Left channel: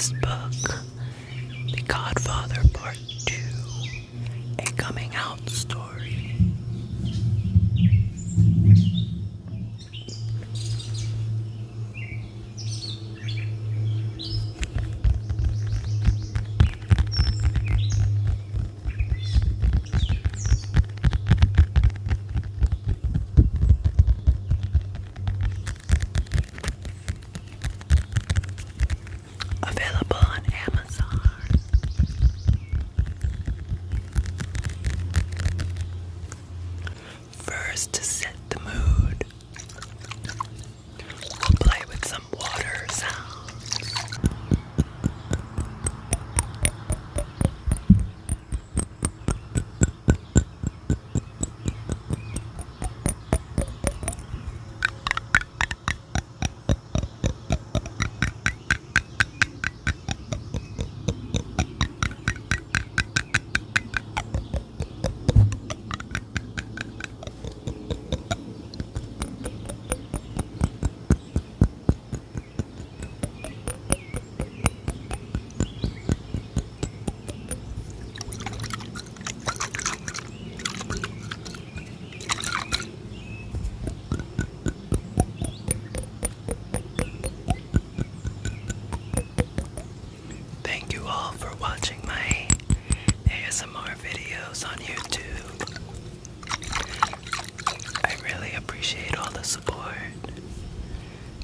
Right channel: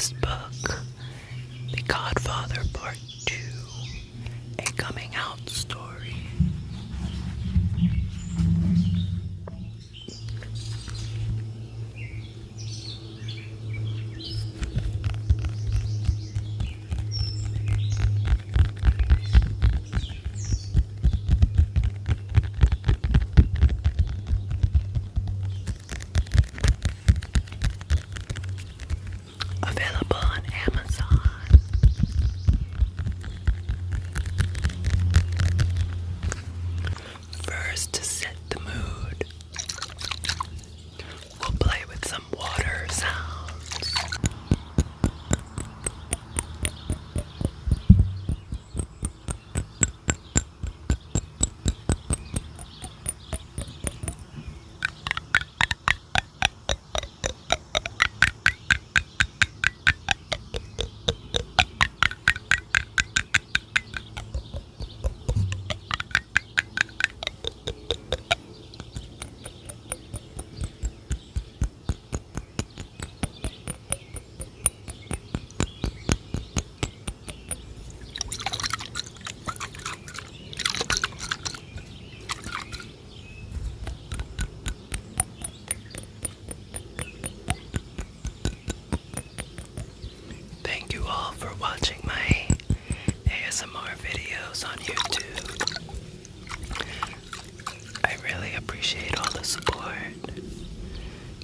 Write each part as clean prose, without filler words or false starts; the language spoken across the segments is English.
latest book, The Cod Father Part II, a coming out story. Available on Amazon. First, to set the mood, we'll play with some water sounds. Thank you all for watching my ASMR videos on YouTube. I really appreciate all the support.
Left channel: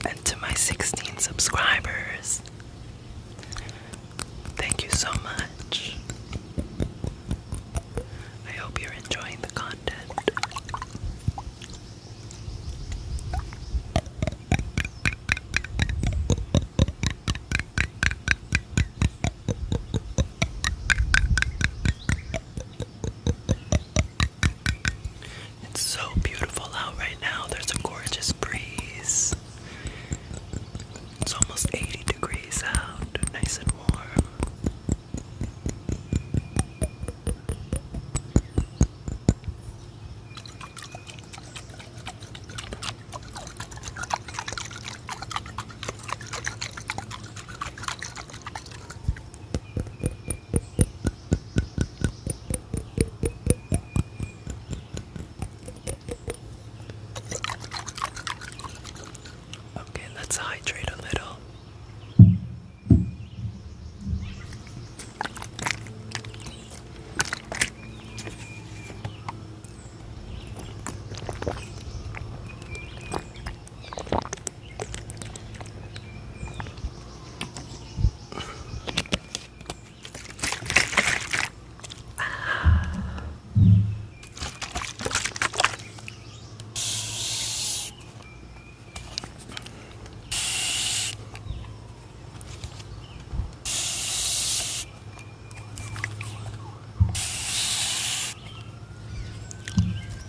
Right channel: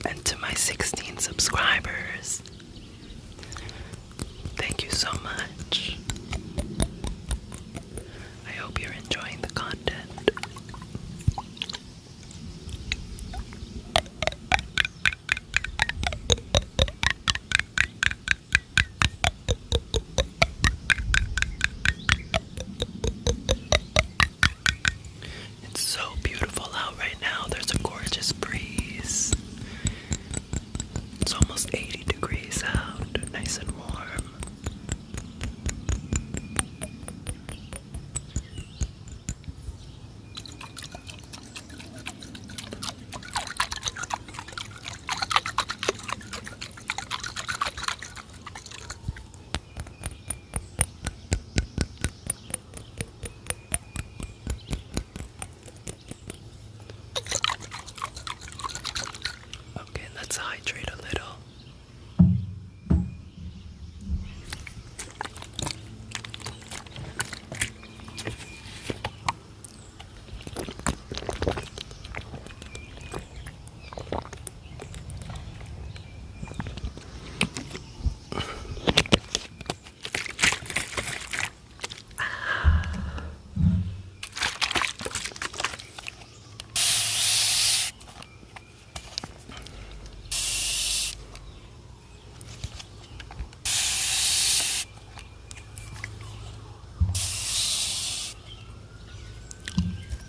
And to my 16 subscribers, thank you so much. I hope you're enjoying the content. It's so beautiful out right now. There's a gorgeous breeze. It's almost 80 degrees out, nice and warm. Okay, let's hydrate a little.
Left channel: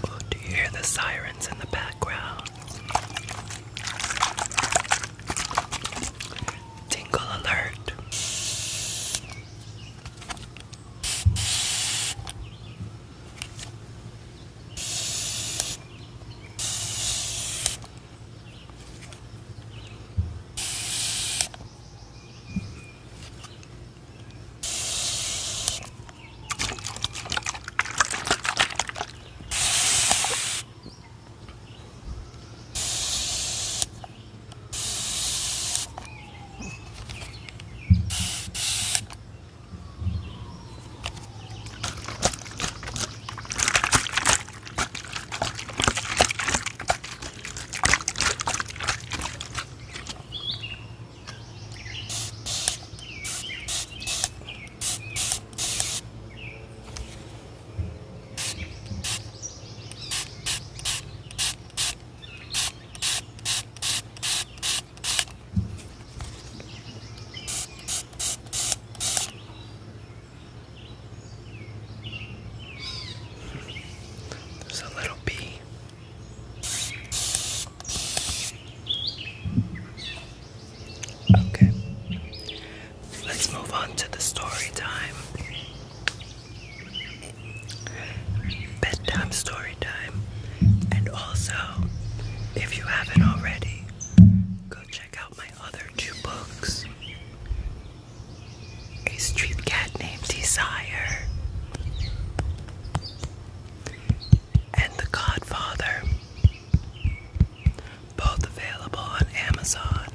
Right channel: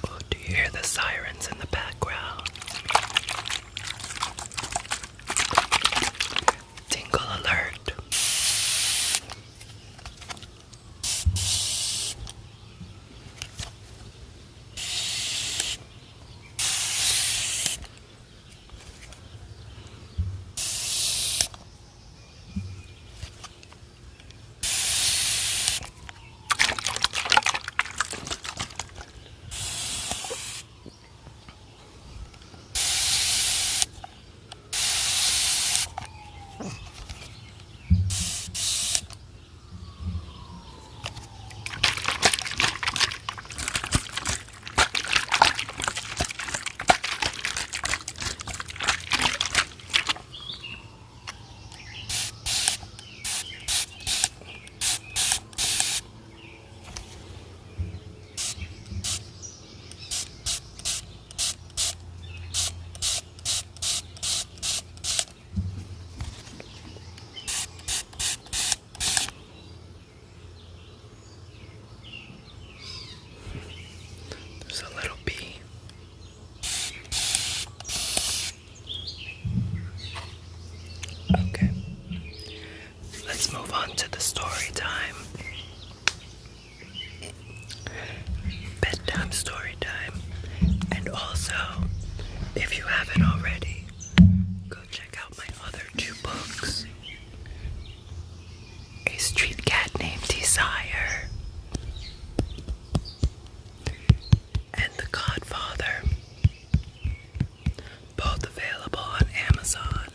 Oh, do you hear the sirens in the background? Tingle alert. There's a little bee. Okay, let's move on to the story time. Bedtime story time. And also, if you haven't already, go check out my other two books. desire. And The Cod Father, both available on Amazon.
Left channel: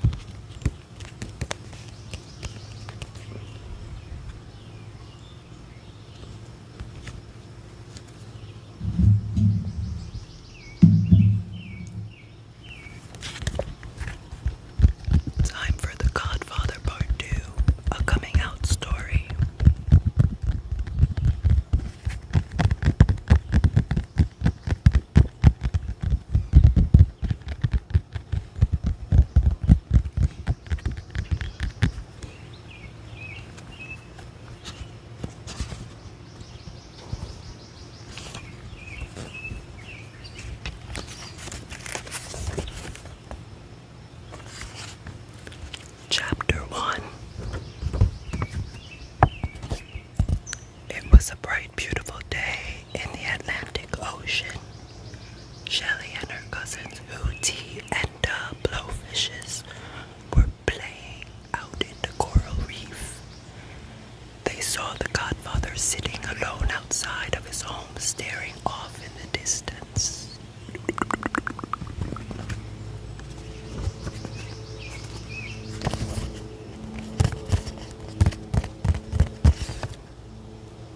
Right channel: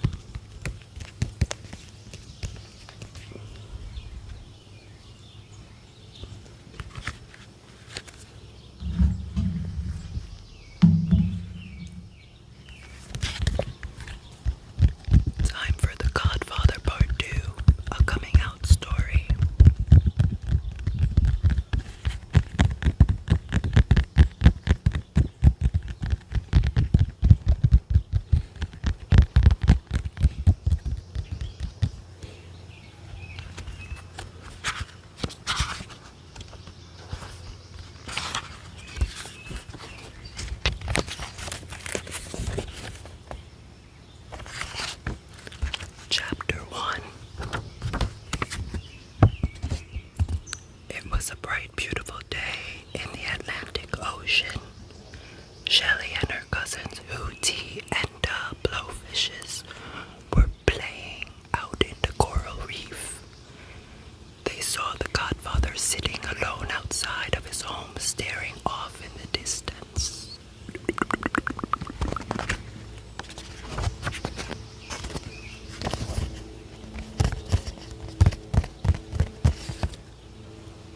Time for The Cod Father Part II, a coming out story. Chapter 1. It was a bright, beautiful day in the Atlantic Ocean. Shelley and her cousins Hootie and Blowfishes were playing out in the coral reef. They saw the godfather sitting alone outside of his home, staring off in the distance.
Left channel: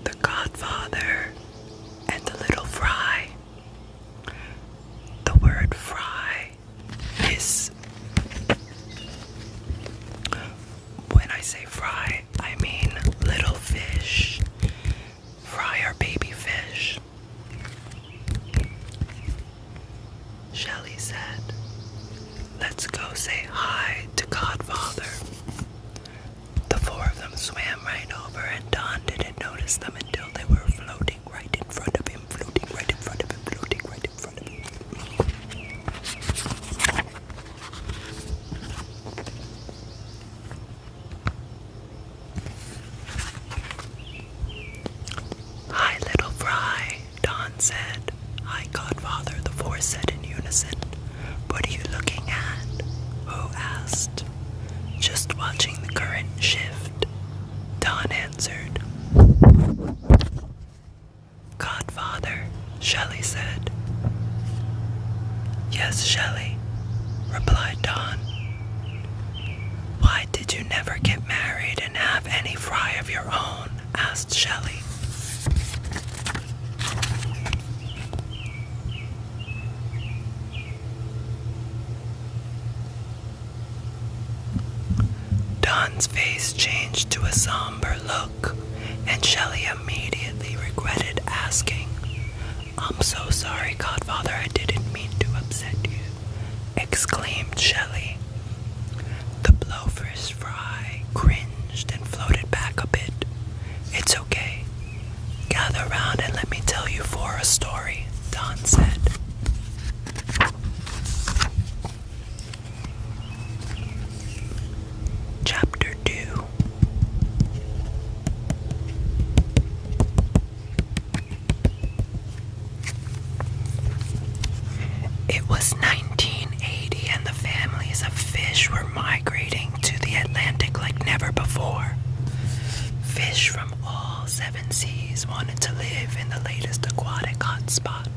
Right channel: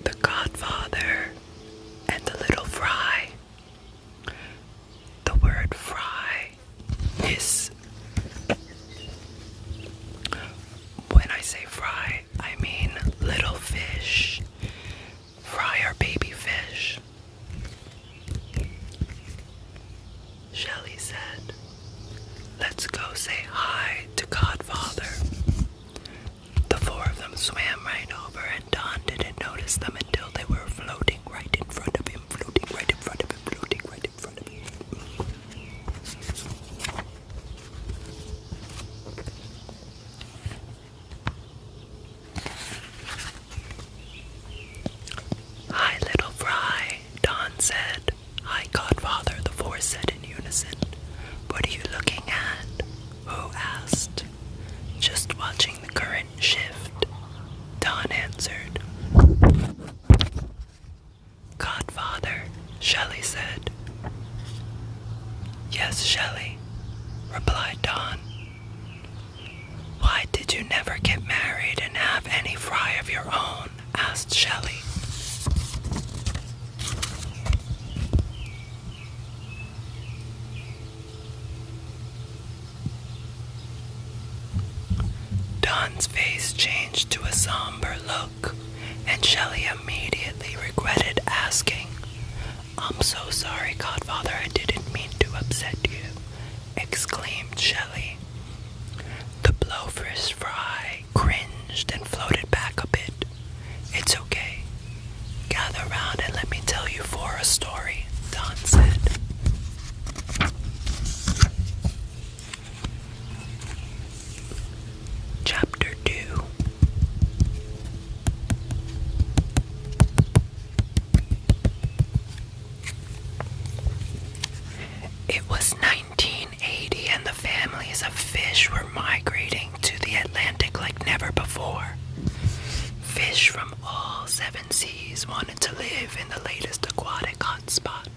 The godfather and the little fry. The word fry is, when I say fry, I mean little fish. Fry are baby fish. Shelley said, "Let's go say hi to Godfather." The four of them swam right over, and Don didn't notice them until they were floating right in front of him, floating right in front of him, floating right in front of him. "Hi, little fry," Don said. "Hi, Godfather," the four said in unison. "What are you looking at?" Who asked. "Just watching the current shift," Don answered. "Godfather," Shelley said. "Yes, Shelley," replied Don. "Why did you never get married and have any fry of your own?" asked Shelley. Don's face changed to a somber look, and Shelley immediately regretted asking. "I'm so sorry, Godfather, I didn't mean to upset you," exclaimed Shelley. The blowfish fry cringed and floated back a bit. "It's okay. Gather round and let me tell you a story," Don said. Chapter 2. It was 1980, and the families of fish were migrating to the Atlantic like never before. Fish from all 7 seas wanted to live in the latest aquatic hotspot.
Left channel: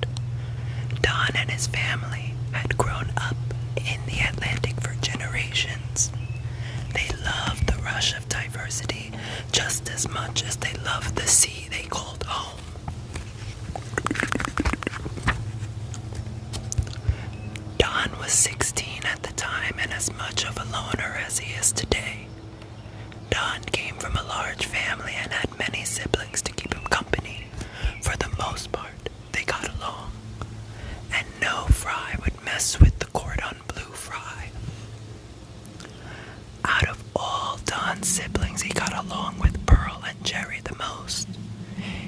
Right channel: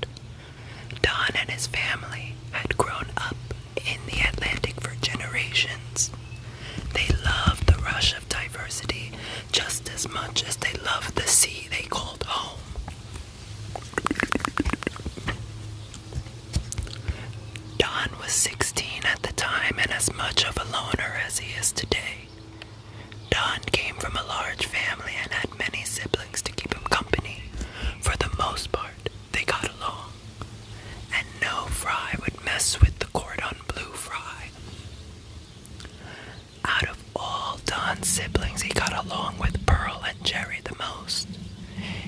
Don and his family had grown up in the Atlantic for generations. They loved the rush of diversity just as much as they loved the sea they called home. Don was 16 at the time and as much of a loner as he is today. Don came from a large family and had many siblings to keep him company. For the most part, they got along, and no fry would mess with the cordon bleu fry. Out of all Don's siblings, he got along with Pearl and Jerry the most.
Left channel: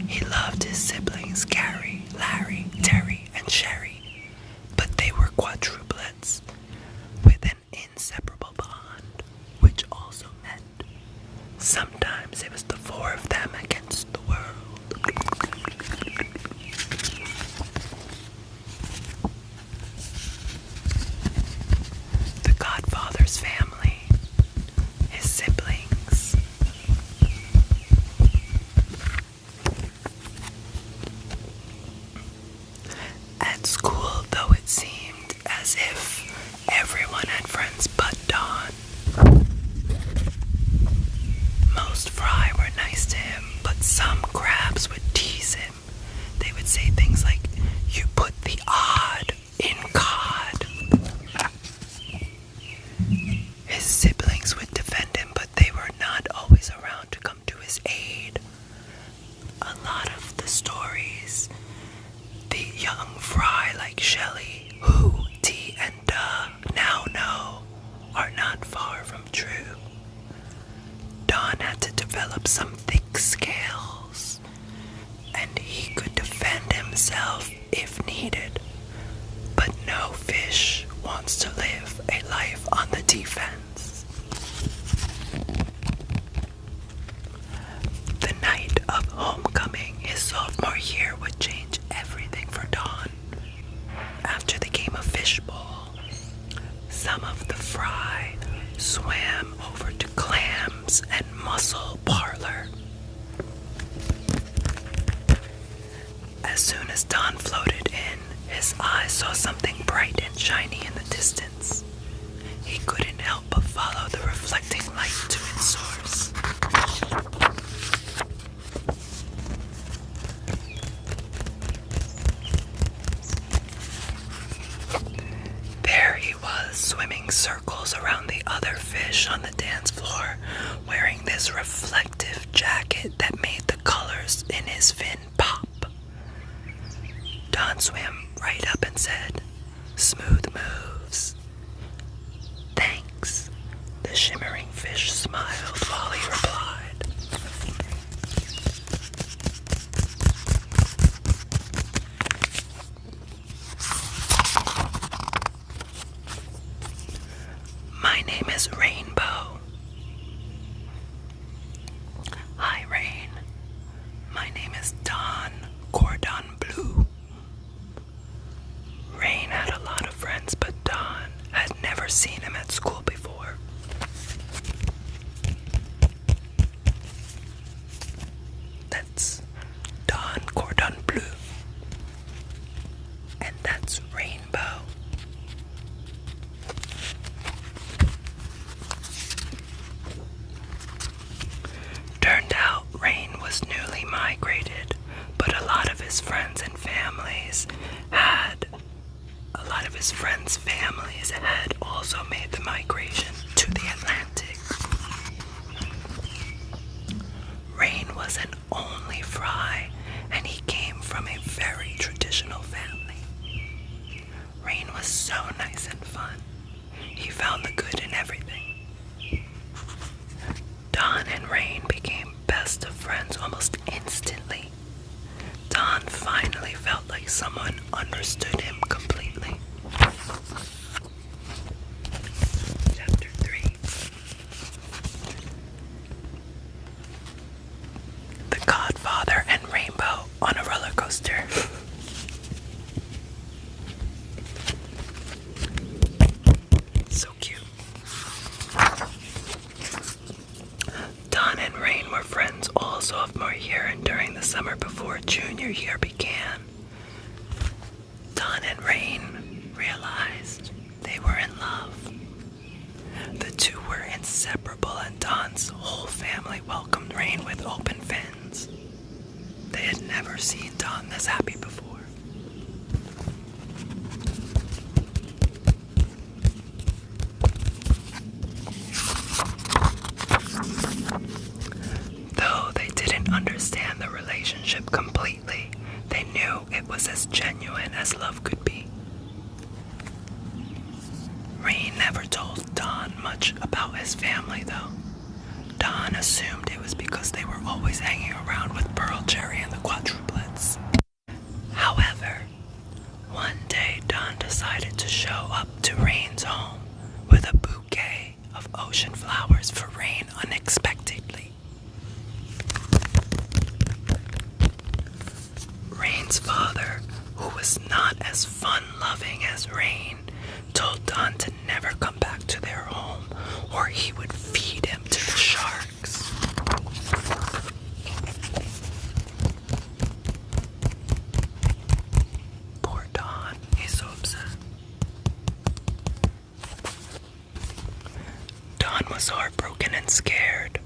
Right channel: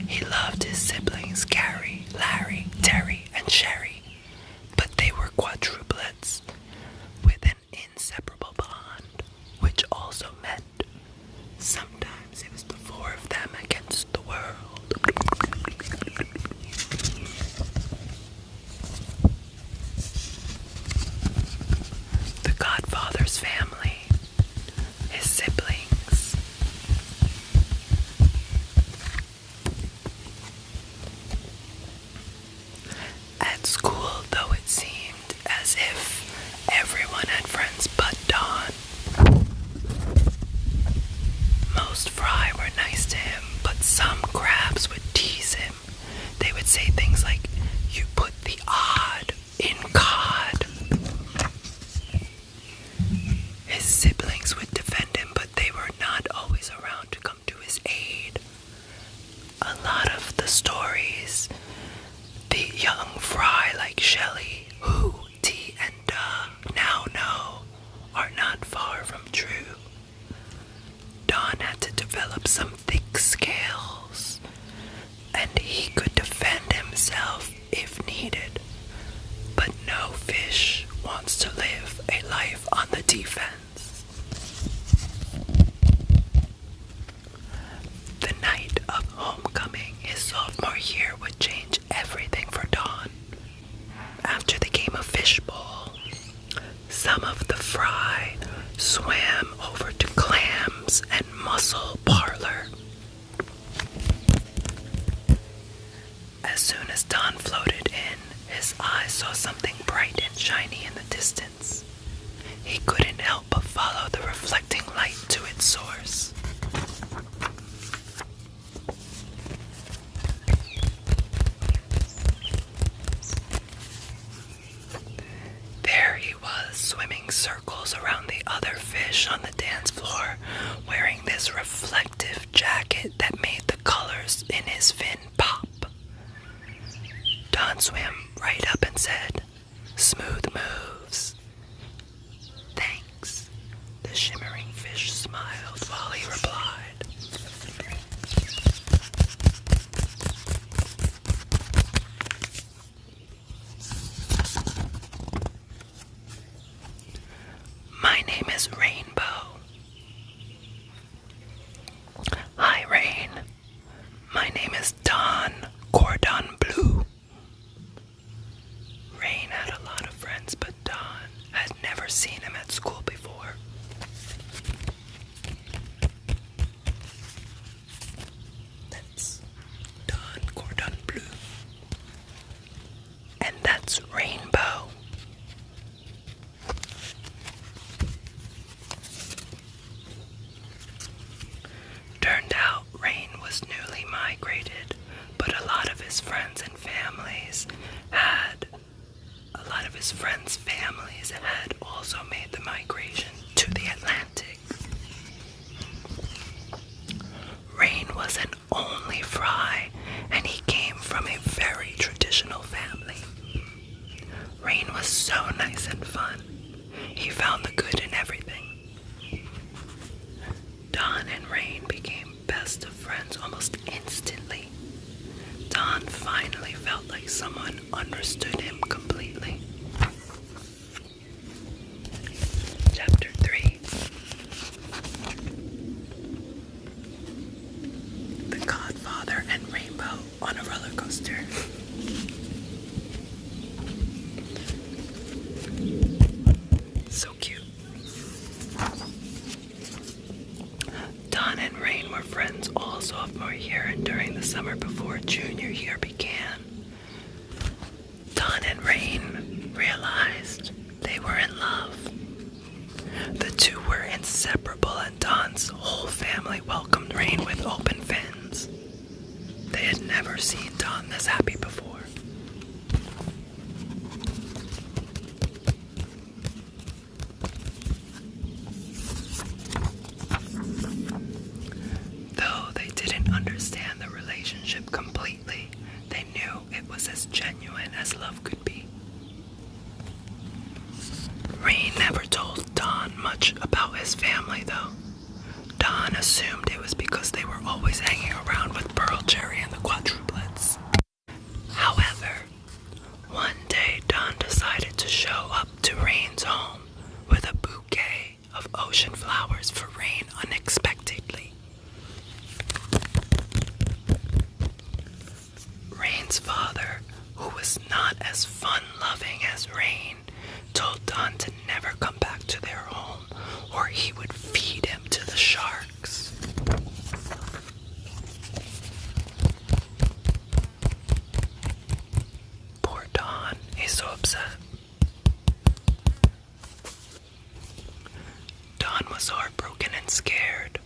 He loved his siblings Gary, Larry, Terry, and Sherry, but they were quadruplets with an inseparable bond, which also meant sometimes it was the four of them against the world. The Godfather's family, his siblings, as if everyone had friends but Don. Most fry were nice to him, but some crabs would tease him. They would say things like, "You put the odd in cod." His siblings would defend him, but they were not always around to come to his aid. A lot of the stories the young fry like Shelley, who T and Duh now know, are not far from true. Don had to develop some thick scales, and he could defend himself if needed. But no fish wants to live a life on the defense. The night of homecoming his sophomore year would change everything for Don. After the game of fishbowl, some of the fry swam over to clams and mussel parlor. As soon as Don floated in, his eyes saw something bright and shiny in the distance. He couldn't help but follow the reflecting light to its source. There he was, swimming circles around the other fish on the dance floor, wearing this reflective jacket that made the colors in his fin pop. Don swam right up and said, "Smooth moves." "Thanks." The shimmering fish smiled while he replied. "My name is Rainbow." "Hi, Rain. My name is Don Cordon Bleu." Rain had a lot of friends, but Don had never seen him at school before. That's Don Cordon Bleu. And that's Rainbow. Turned out Rain was newly migrated, but a lot of his friends and families had also made the migration to the Atlantic. Rain was an only fry, and he came from a very traditional family. Rain was so nice and fun. He found the good in everything. Don and Rain became best of friends almost instantly. Don finally felt like someone understood him completely. Chapter 3. The Cod Father and Rainbow on a roller coaster. So cute. Don and Rain were friends all sophomore year and during the summer before junior year began. Don and Rain realized they were in love. The two were inseparable, and Don's whole family welcomed Rain with open fins. They had never seen Don this happy before. Though they didn't understand the relationship completely, they knew it was as genuine as love could be. Rain never told Don much about his family, though. Don assumed it was because they were always hanging around with Pearl Cherry and the quadruplets. However, one day Don decided to show up to Rain's home with a bouquet of ocean flowers for Rain unexpectedly. Rain's father, who was not as fun-loving as Rain, told Don to never come back to their home or he would feed him to the sharks. Poor Don, he's so upset. was heartbroken and scared.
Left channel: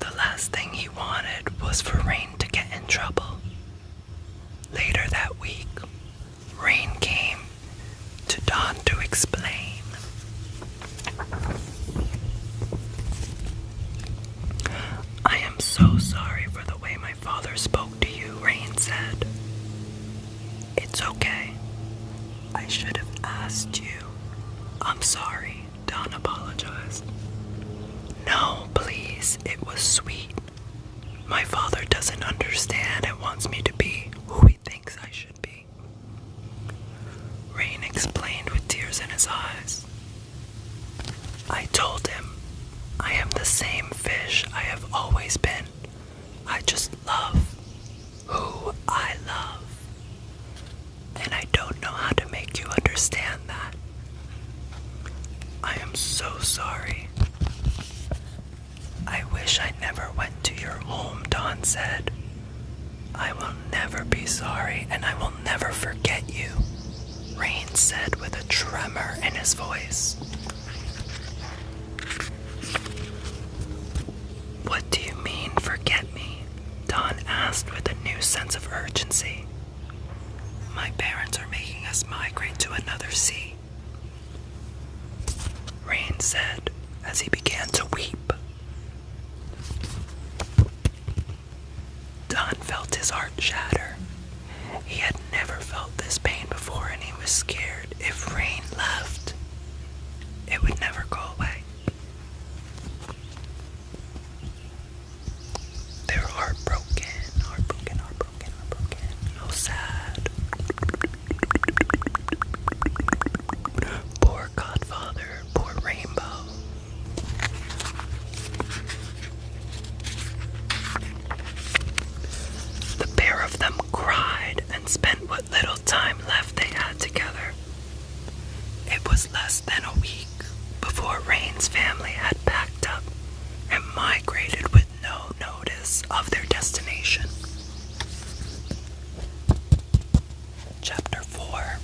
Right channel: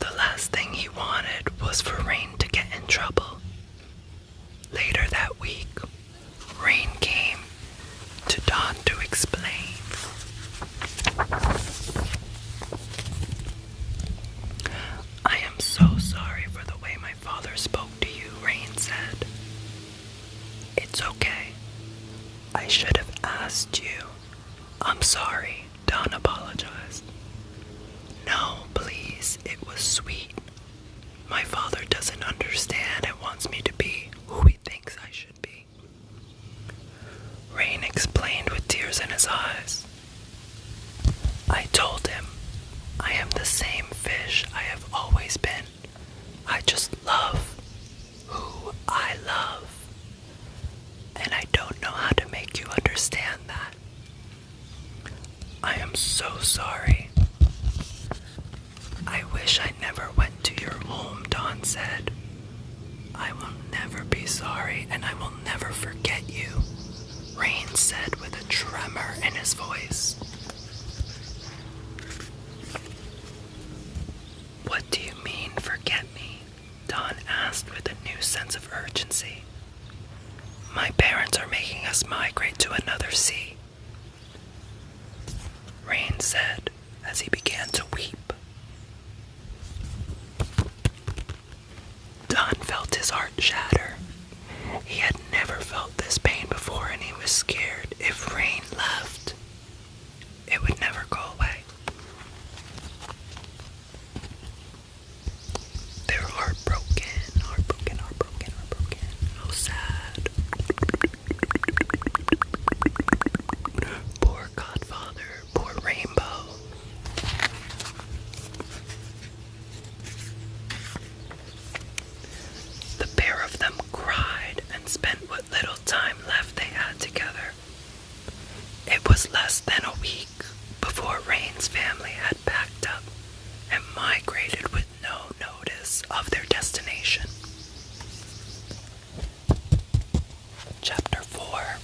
The last thing he wanted was for Rain to get in trouble. Later that week, Rain came to Dawn to explain. I am so sorry for the way my father spoke to you, Rain said. It's okay. I should have asked you. I'm sorry, Dawn apologized. No, please, it was sweet. My father doesn't understand and wants me to be who he thinks I should be. Rain explained with tears in his eyes. I told him, I am the same fish I have always been. I just love who I love. And I don't know how to make you understand that. I am so sorry. I wish I never went to your home, Dawn said. I will never be sorry, and I will never forget you, Rain said with a tremor in his voice. What do you mean, forget me? Dawn asked with a new sense of urgency. My parents are making us migrate to another sea, Rain said as he began to weep. Dawn felt his heart shatter. He had never felt this pain before, and he was scared if Rain left, it would never go away. They're heartbroken. Oh, sad. Poor Godfather, poor Rainbow. The pair of them cried and spent what little time left they had together. It was less than a week before Rain's family had packed up and migrated with no notice of their destination. Chapter 4.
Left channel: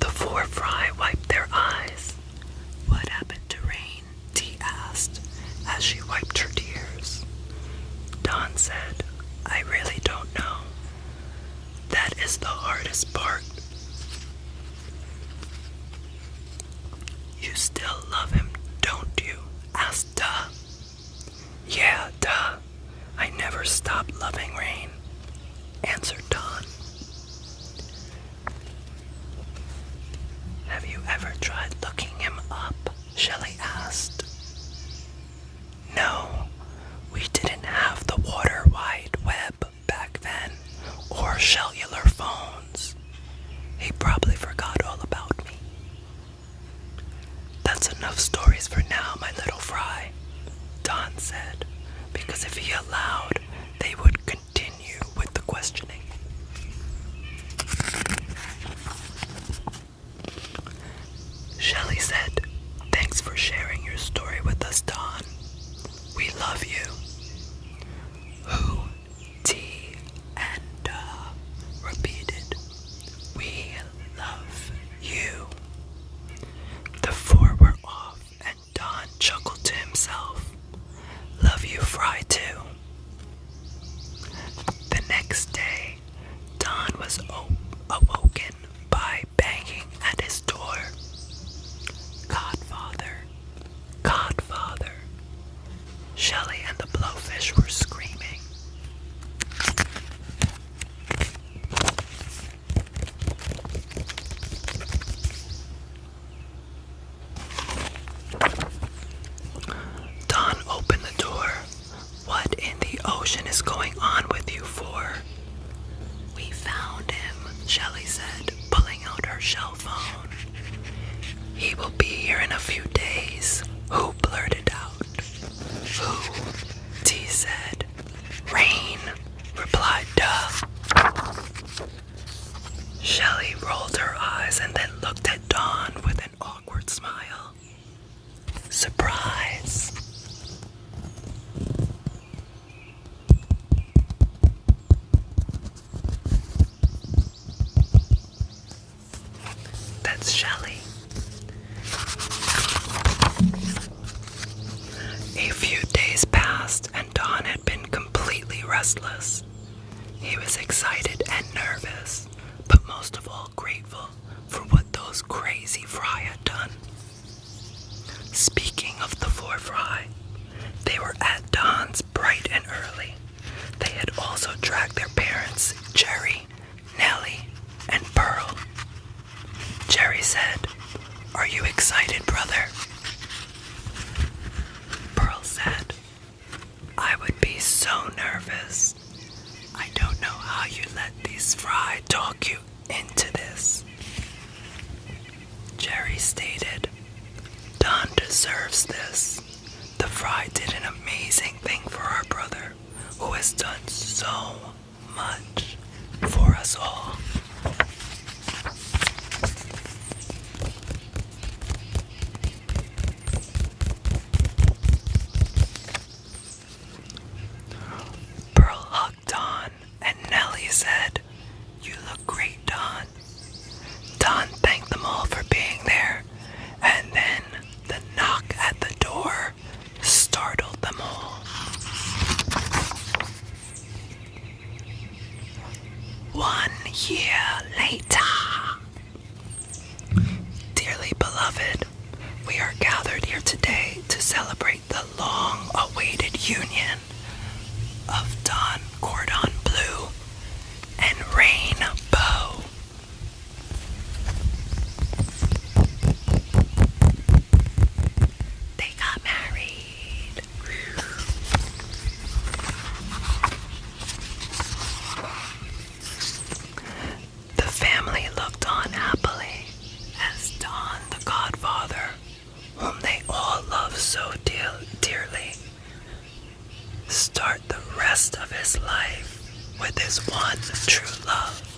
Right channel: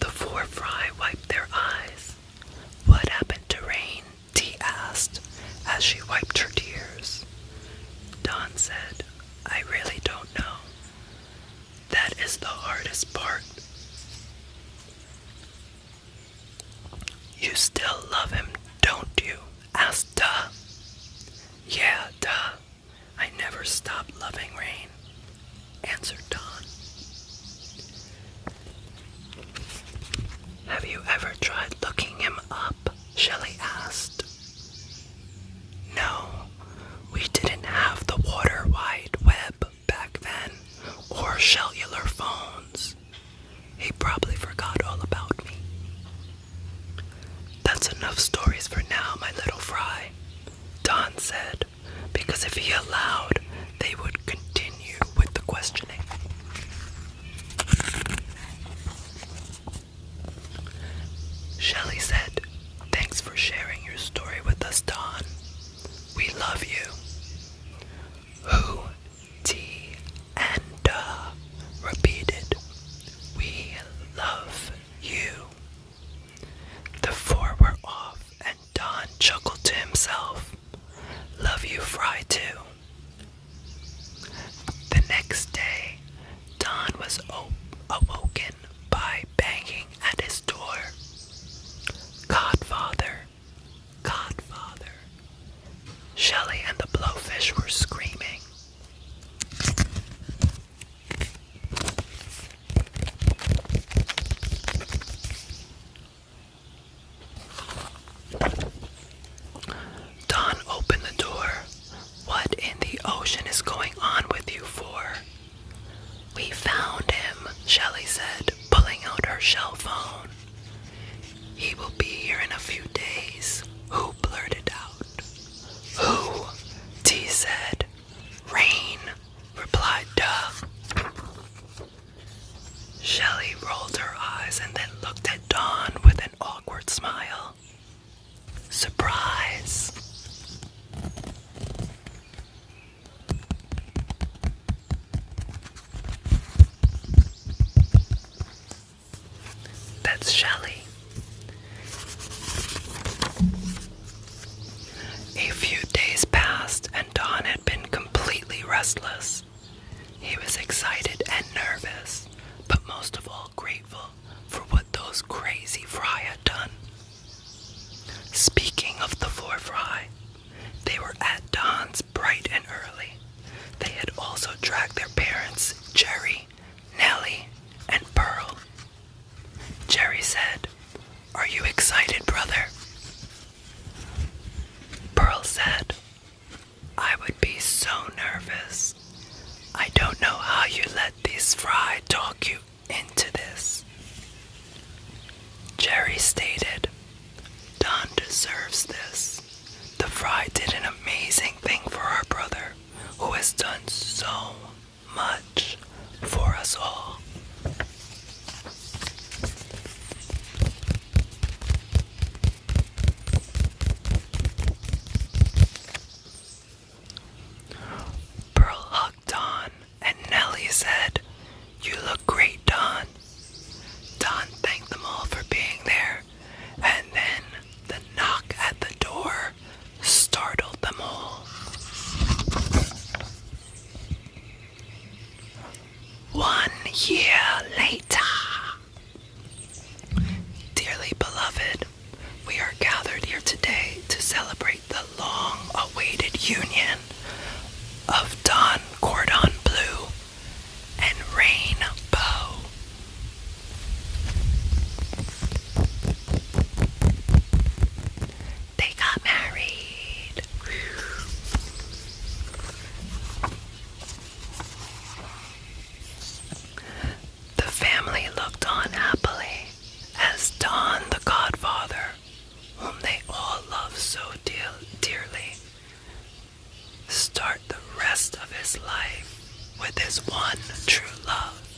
The four fry wiped their eyes. What happened to Rain? Dee asked as she wiped her tears. Dawn said, I really don't know. That is the hardest part. You still love him, don't you? Asked Duh. Yeah, duh. I never stopped loving Rain, answered Dawn. Have you ever tried looking him up? Shelley asked. No, we didn't have the Water Wide Web back then, or cellular phones. He probably forgot all about me. That's enough stories for now, my little fry, Dawn said, because if he allowed, they would continue with the questioning. Shelley said, thanks for sharing your story with us, Dawn. We love you. Who, T, and repeated, we love you. The four were off, and Don chuckled to himself. Love you, Fry, too. The next day, Don was awoken by banging at his door. Godfather, Godfather. Shelley and the blowfish were screaming. Don opened the door. What in the ocean is going on with you four? We found him, Shelley said, pulling out her shell phone. He will be here in a few days. Who blurted out? Who? T said, A few days passed and Don had been completely restless. He was excited and nervous, but most of all grateful for what those crazy fry had done. Speaking of the four fry, they were at Don's bright and early. They had also dragged their parents, Jerry, Nellie, and Pearl. Jerry said, "Are you excited, brother?" Pearl said, "I would be so nervous. I don't know how you let these fry talk you into this." Jerry stated, "Don deserves this. The fry did an amazing thing for our brother, who has done so much for us all." Pearl hugged Don, and Nellie said, "You look great, Don." Don thanked them all for being there, and then the knock at the door startled them all. One year later. Dearly beloved, we are gathered here today to celebrate the long-awaited union of Don Cordon Bleu and Rainbow. They got married. The family looked on happily as Don, the Cod Father, whom they all loved so dearly, start the rest of his life with his one true love.